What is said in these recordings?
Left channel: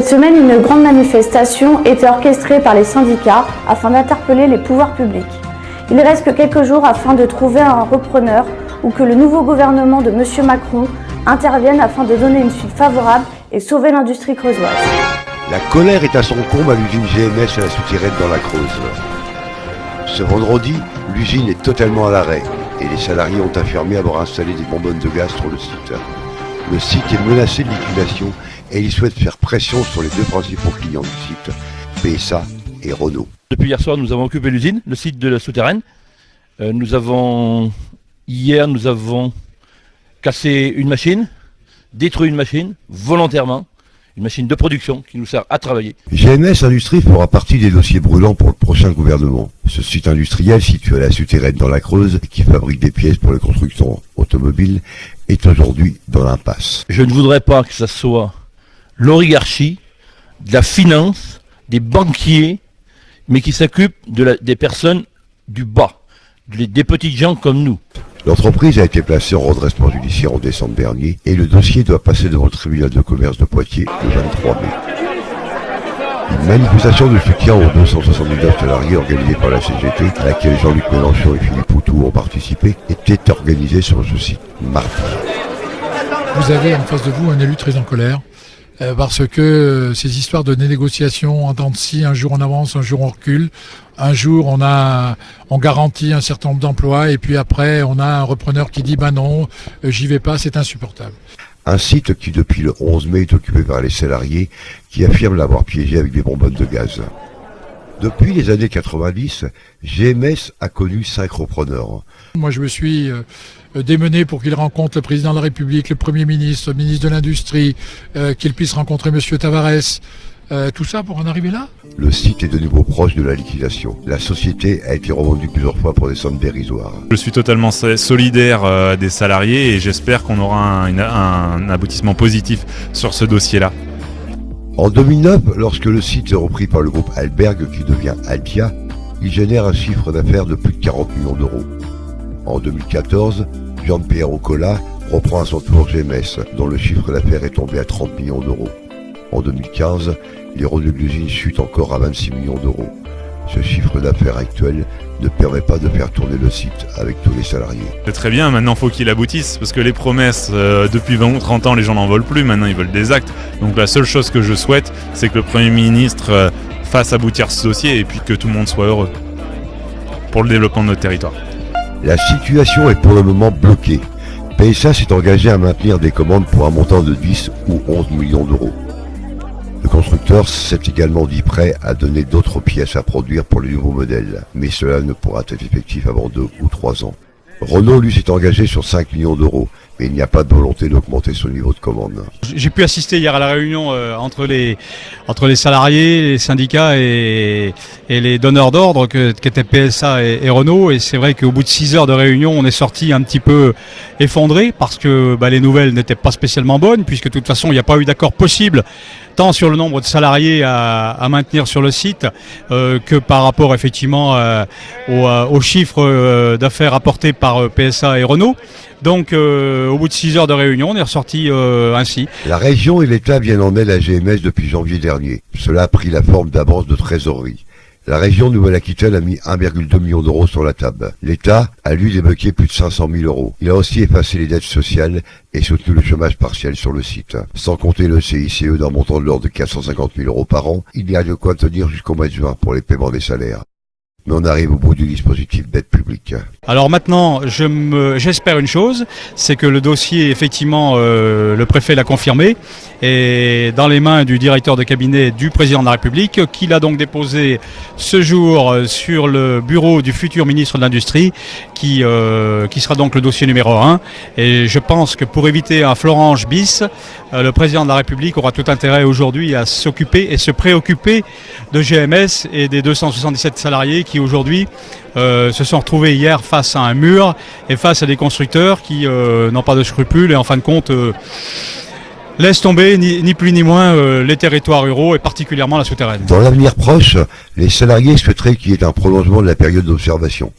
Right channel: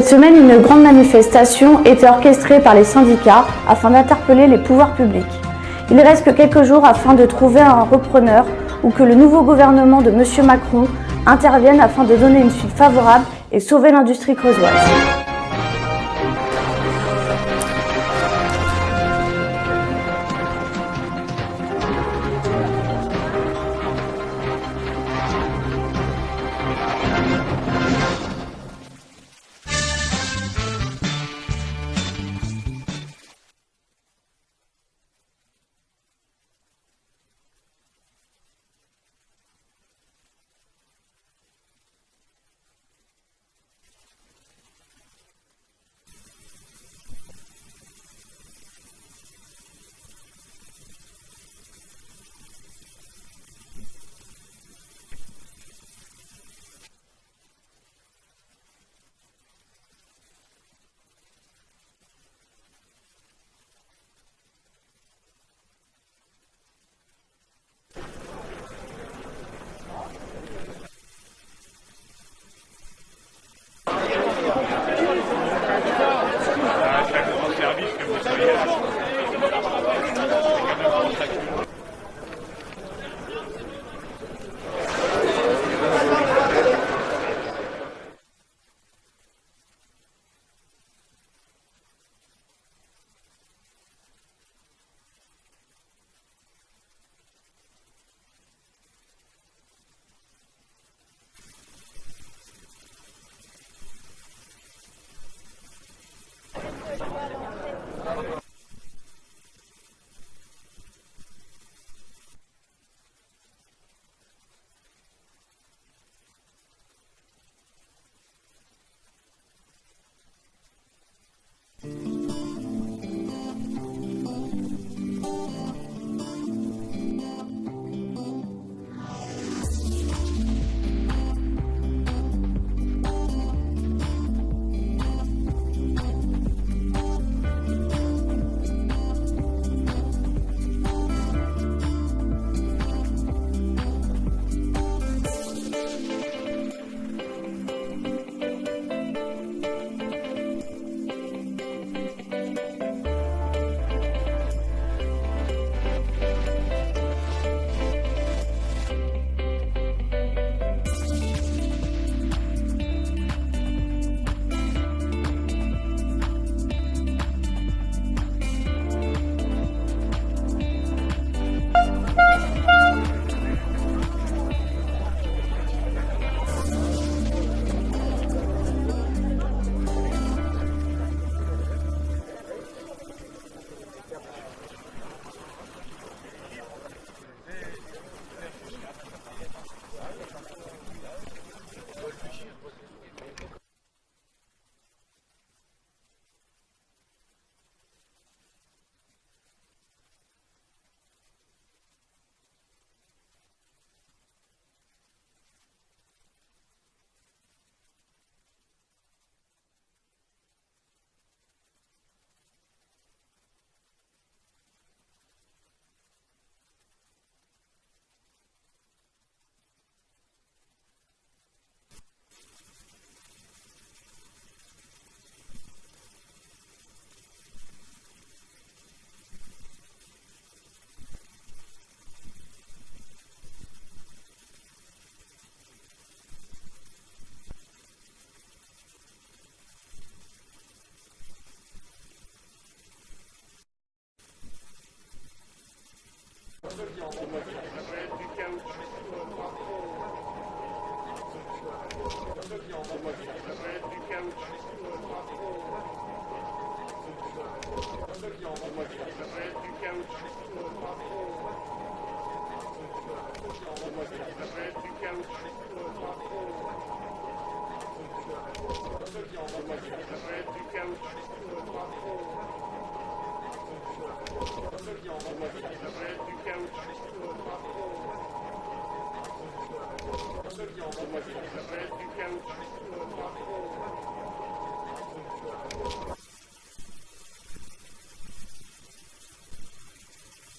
Cette semaine, une grande manifestation était orchestrée par les syndicats afin d'interpeller les pouvoirs publics. Il ne reste que quelques jours afin de trouver un repreneur ou que le nouveau gouvernement de M. Macron intervienne afin de donner une suite favorable et sauver l'industrie creusoise. La colère est à son comble à l'usine GMS à la souterraine dans la Creuse. Ce vendredi, l'usine est totalement à l'arrêt et les salariés ont affirmé avoir installé des bonbonnes de gaz sur le site. Le site est menacé de liquidation et ils souhaitent faire pression sur les deux principaux clients du site, PSA et Renault. Depuis hier soir, nous avons occupé l'usine, le site de la souterraine. Hier, nous avons cassé une machine, détruit une machine, volontairement, une machine de production qui nous sert à travailler. GMS Industrie fera partie des dossiers brûlants pour le prochain gouvernement. Ce site industriel situé à la souterraine dans la Creuse, qui fabrique des pièces pour les constructeurs automobiles, est aujourd'hui dans l'impasse. Je ne voudrais pas que ça soit l'oligarchie, de la finance, des banquiers, mais qui s'occupent des personnes du bas, des petits gens comme nous. L'entreprise a été placée en redressement judiciaire en décembre dernier et le dossier doit passer devant le tribunal de commerce de Poitiers le 23 mai. Une manifestation de soutien aux 279 salariés organisée par la CGT, à laquelle Jean-Luc Mélenchon et Philippe Poutou ont participé, était organisée sur ce site mardi. Vous avez en face de vous un élu très en colère. Parce que ces histoires de négociations en temps de scie, un jour on avance, un jour on recule, un jour on garantit un certain nombre d'emplois et puis après on a un repreneur qui dit bah non, j'y vais pas, c'est insupportable. Un site qui depuis le 11 mai est occupé par les salariés qui affirment l'avoir piégé avec des bonbonnes de gaz. Depuis les années 90, GMS a connu 5 repreneurs. Moi je me suis démené pour qu'il rencontre le président de la République, le Premier ministre, le ministre de l'Industrie, qu'il puisse rencontrer M. Tavares, tout ça pour en arriver là. Le site est de nouveau proche de la liquidation. La société a été revendue plusieurs fois pour des sommes dérisoires. Je suis totalement solidaire des salariés et j'espère qu'on aura un aboutissement positif sur ce dossier-là. En 2009, lorsque le site est repris par le groupe Alberg qui devient Altia, il génère un chiffre d'affaires de plus de 40 millions d'euros. En 2014, Jean-Pierre Ocola reprend à son tour GMS, dont le chiffre d'affaires est tombé à 30 millions d'euros. En 2015, les revenus de l'usine chutent encore à 26 millions d'euros. Ce chiffre d'affaires actuel ne permet pas de faire tourner le site avec tous les salariés. C'est très bien, maintenant il faut qu'il aboutisse, parce que les promesses, depuis 20 ou 30 ans, les gens n'en veulent plus, maintenant ils veulent des actes. Donc la seule chose que je souhaite, c'est que le Premier ministre fasse aboutir ce dossier et puis que tout le monde soit heureux pour le développement de notre territoire. La situation est pour le moment bloquée. PSA s'est engagé à maintenir des commandes pour un montant de 10 ou 11 millions d'euros. Le constructeur s'est également dit prêt à donner d'autres pièces à produire pour les nouveaux modèles, mais cela ne pourra être effectif avant 2 ou 3 ans. Renault, lui, s'est engagé sur 5 millions d'euros, mais il n'y a pas de volonté d'augmenter son niveau de commande. J'ai pu assister hier à la réunion entre les salariés, les syndicats et les donneurs d'ordre qu'étaient PSA et Renault. Et c'est vrai qu'au bout de 6 heures de réunion, on est sorti un petit peu effondré parce que les nouvelles n'étaient pas spécialement bonnes, puisque de toute façon, il n'y a pas eu d'accord possible tant sur le nombre de salariés à maintenir sur le site que par rapport effectivement aux chiffres d'affaires apportés par PSA et Renault. Donc au bout de 6 heures de réunion, on est ressorti ainsi. La région et l'État viennent en aide à GMS depuis janvier dernier. Cela a pris la forme d'avances de trésorerie. La région Nouvelle-Aquitaine a mis 1,2 million d'euros sur la table. L'État a lui débloqué plus de 500 000 euros. Il a aussi effacé les dettes sociales et soutenu le chômage partiel sur le site. Sans compter le CICE d'un montant de l'ordre de 450 000 euros par an, il y a de quoi tenir jusqu'au mois de juin pour les paiements des salaires. Mais on arrive au bout du dispositif d'aide publique. Alors maintenant, j'espère une chose, c'est que le dossier, effectivement, le préfet l'a confirmé, est dans les mains du directeur de cabinet du président de la République, qu'il a donc déposé ce jour sur le bureau du futur ministre de l'Industrie, qui sera donc le dossier numéro 1. Et je pense que pour éviter un Florange bis, le président de la République aura tout intérêt aujourd'hui à s'occuper et se préoccuper de GMS et des 277 salariés qui aujourd'hui se sont retrouvés hier face à un mur et face à des constructeurs qui n'ont pas de scrupules et en fin de compte laissent tomber ni plus ni moins les territoires ruraux et particulièrement la souterraine. Dans l'avenir proche, les salariés souhaiteraient qu'il y ait un prolongement de la période d'observation,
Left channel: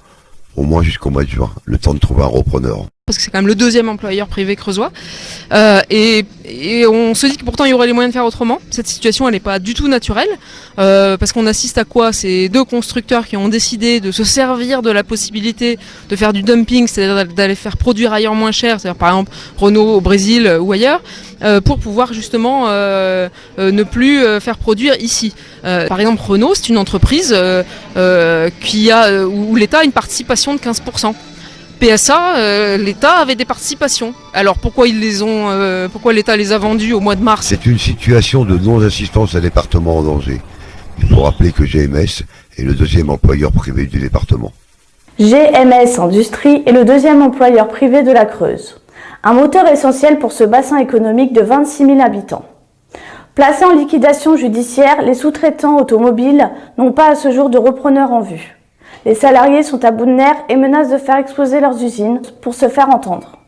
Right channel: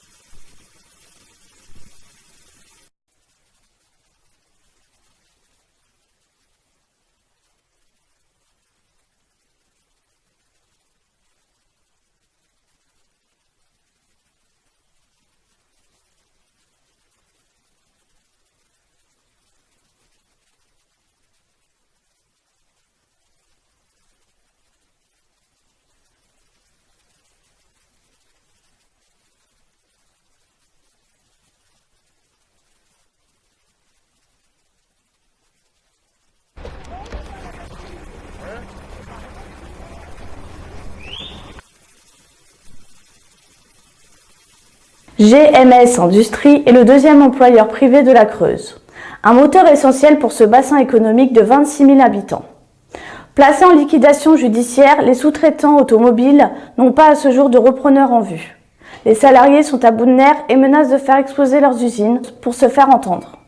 au moins jusqu'au mois de juin, le temps de trouver un repreneur. parce que c'est quand même le deuxième employeur privé creusois. Et on se dit que pourtant il y aurait les moyens de faire autrement. Cette situation, elle n'est pas du tout naturelle, parce qu'on assiste à quoi? C'est deux constructeurs qui ont décidé de se servir de la possibilité de faire du dumping, c'est-à-dire d'aller faire produire ailleurs moins cher, c'est-à-dire par exemple Renault au Brésil ou ailleurs, pour pouvoir justement ne plus faire produire ici. Par exemple, Renault, c'est une entreprise où l'État a une participation de 15%. PSA, l'État avait des participations. Alors pourquoi pourquoi l'État les a vendus au mois de mars? C'est une situation de non-assistance à département en danger. Il faut rappeler que GMS est le deuxième employeur privé du département. GMS Industrie est le deuxième employeur privé de la Creuse. Un moteur essentiel pour ce bassin économique de 26 000 habitants. Placés en liquidation judiciaire, les sous-traitants automobiles n'ont pas à ce jour de repreneur en vue. Les salariés sont à bout de nerfs et menacent de faire exploser leurs usines pour se faire entendre.